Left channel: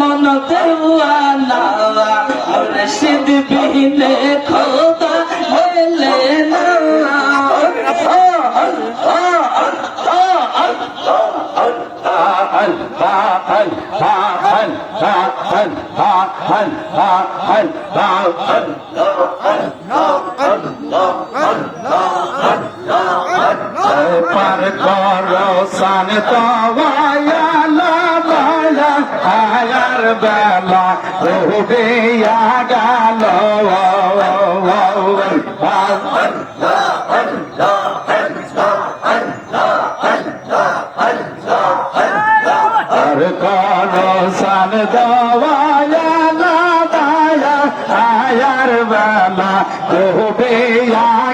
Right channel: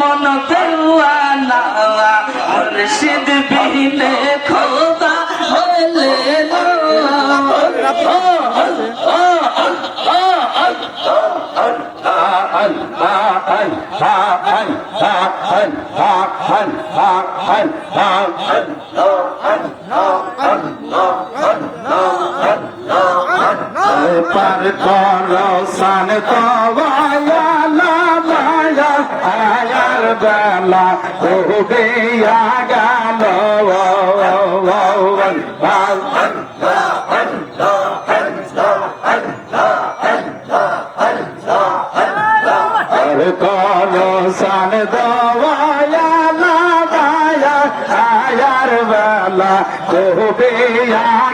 মন দেওয়ানা মুর্শিদ বিনে খোদা হইলে না সান তওয়ালা বালা আয়ার বেলা ডুবে গেল সান দওয়ালা বালা আয়ার বেলা ডুবে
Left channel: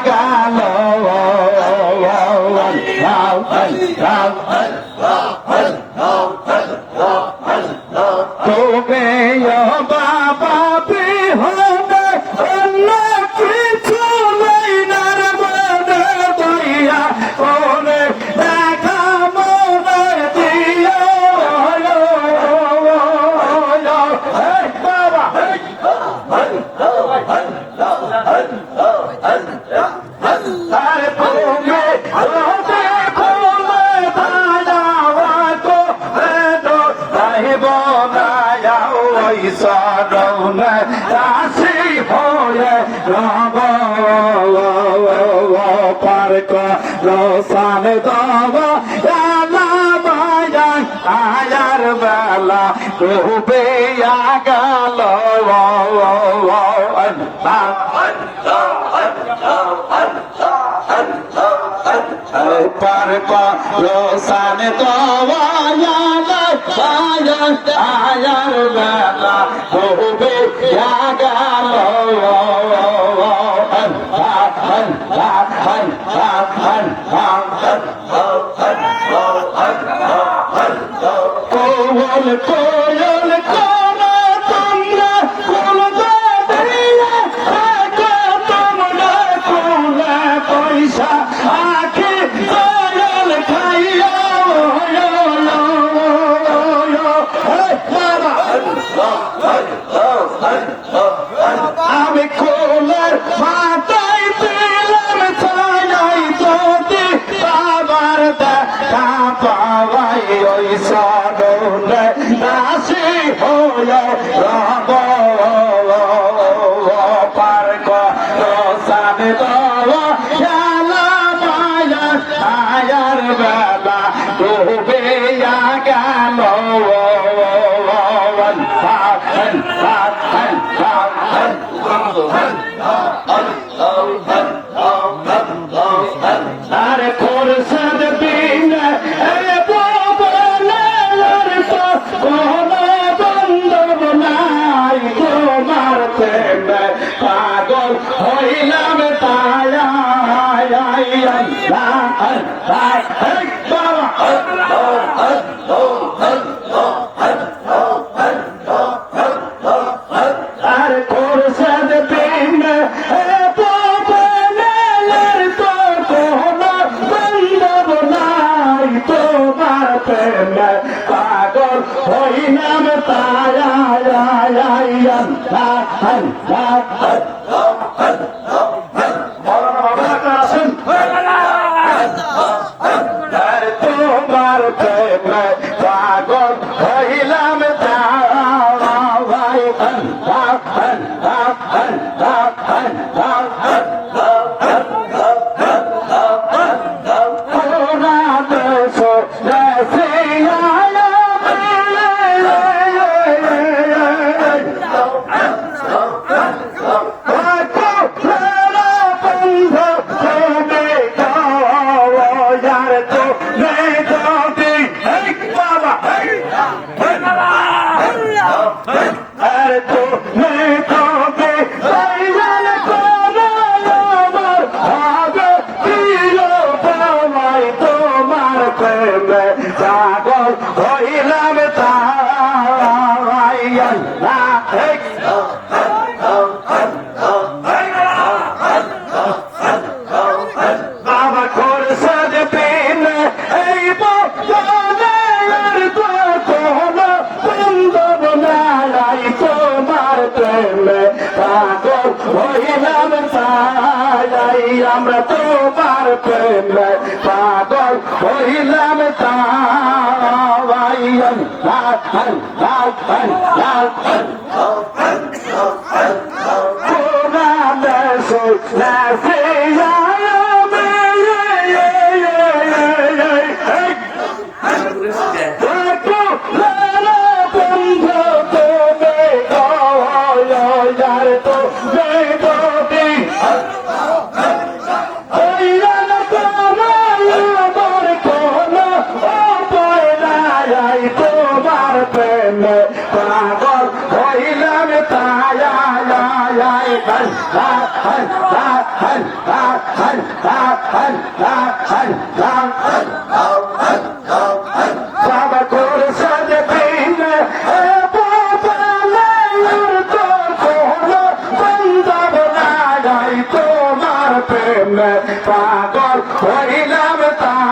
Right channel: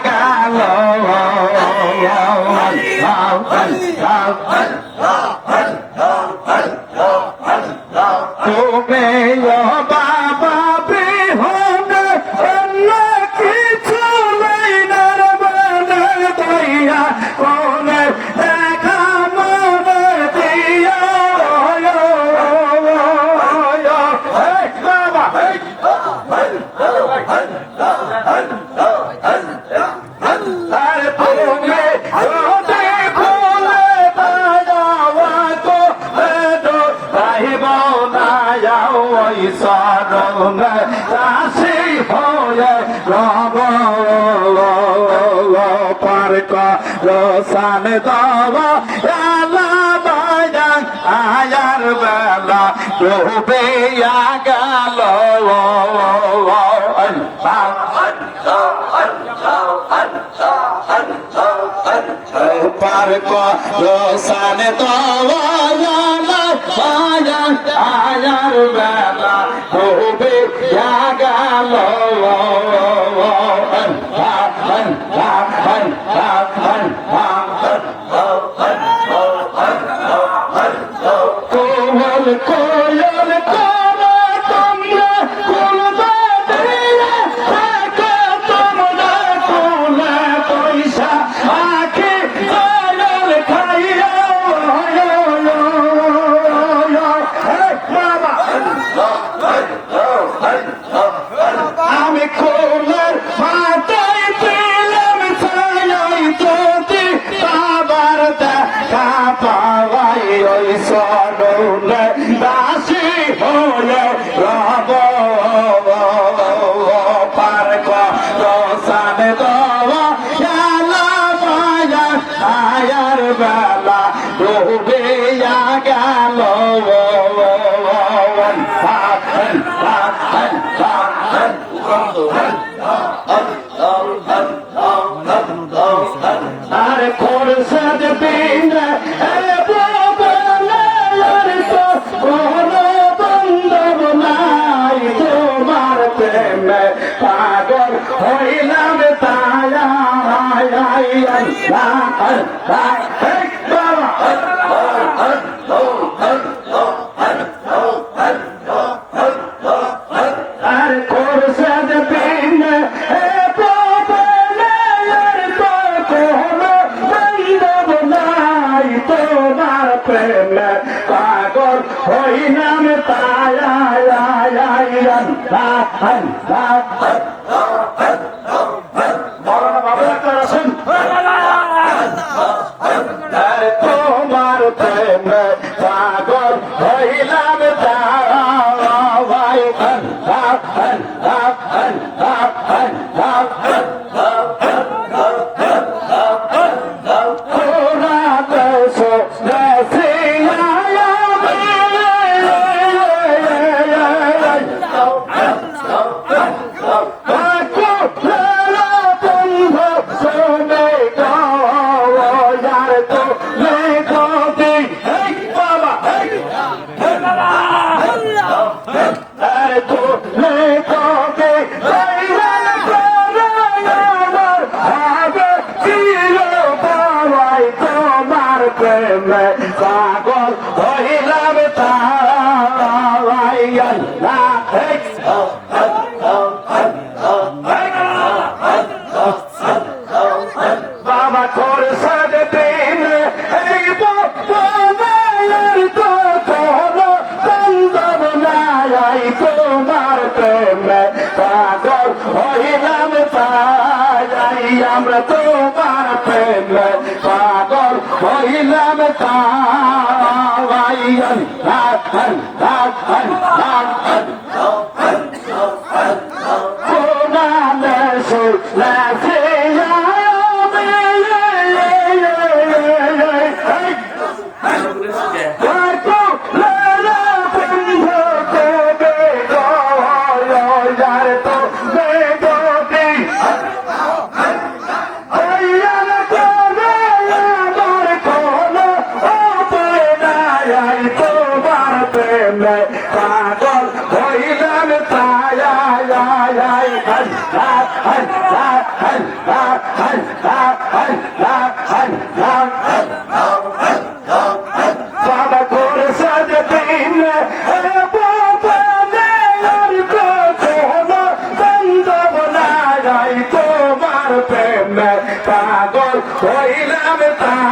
গেল রাশি হয়ে রব পার্ক রসান দবা আয়ার বেলা ডুবে গেল পার্ক রসান দবা আয়ার বেলা ডুবে গেল কোয়ল করো তোমরা কুলবে দিয়ে তোমরা কুলে পয়সা আখি কোয়ল খাইয়া আমি কোলের মাথায় পেলাম ছায়াই যদি আবার দেখা পাওয়াই ওই সরলে দাসী হয়ে রব পার্ক রসান দেওয়া আয়ার বেলা ডুবে গেল আরে খোরসাদ বিন কোনো বন্ধব নাই তোমার প্রেমে পাগল হইলাম তায়া আরে খোরসাদ বিন তোমার প্রেমে পাগল হইলাম তায়া তোমার প্রেমে পাগল হইলাম পাগল হইলাম তাই আমরা তোমার প্রেমে পাগল হইলাম তাই তোমার প্রেমে পাগল হইলাম তোমার প্রেমে পাগল হইলাম তাই